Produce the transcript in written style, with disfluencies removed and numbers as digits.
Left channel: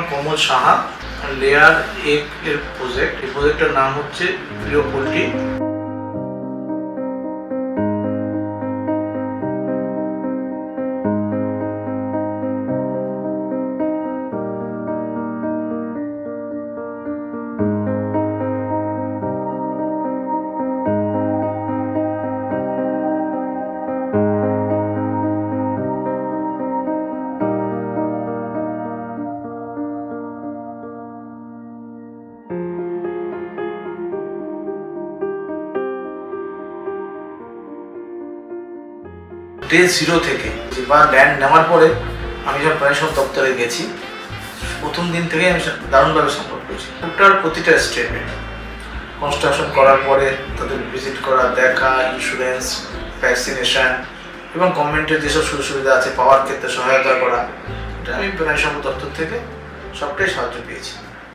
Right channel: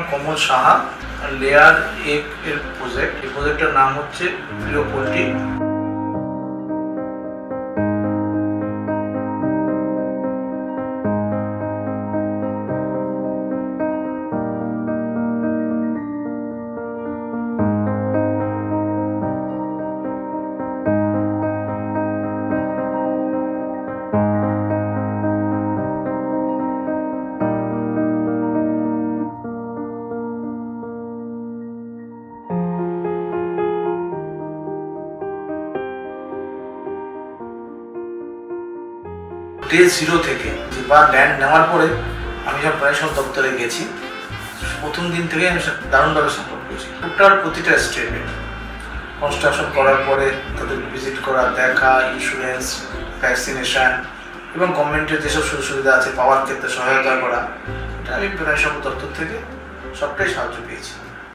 নাম কমল সাহা, লেয়ার এর প্রজেক্ট। এই প্রজেক্টের নাম হচ্ছে প্রিয় পোল্ট্রি। ডে 0 থেকে বা ল্যান্ড নেওয়ার পরে আমি যখন প্রাণী সম্পদ দপ্তরে গেছি, প্রথম দিন থেকে আমি দারুণভাবে সাপোর্ট করেছি। টোটাল প্রতিটা স্টেপে কনস্ট্রাকশন করার পরে তাদের ভিজিট করা, দেখা, ইন্স্যুরেন্স, ভ্যাকসিনেশন এবং গভর্নমেন্টের যেসব সুযোগ সুবিধা আছে পাওয়ার ক্ষেত্রে সহায়তা করা, এটা আমি প্রাণী সম্পদ দপ্তর থেকে সবটাই সাহায্য পেয়েছি।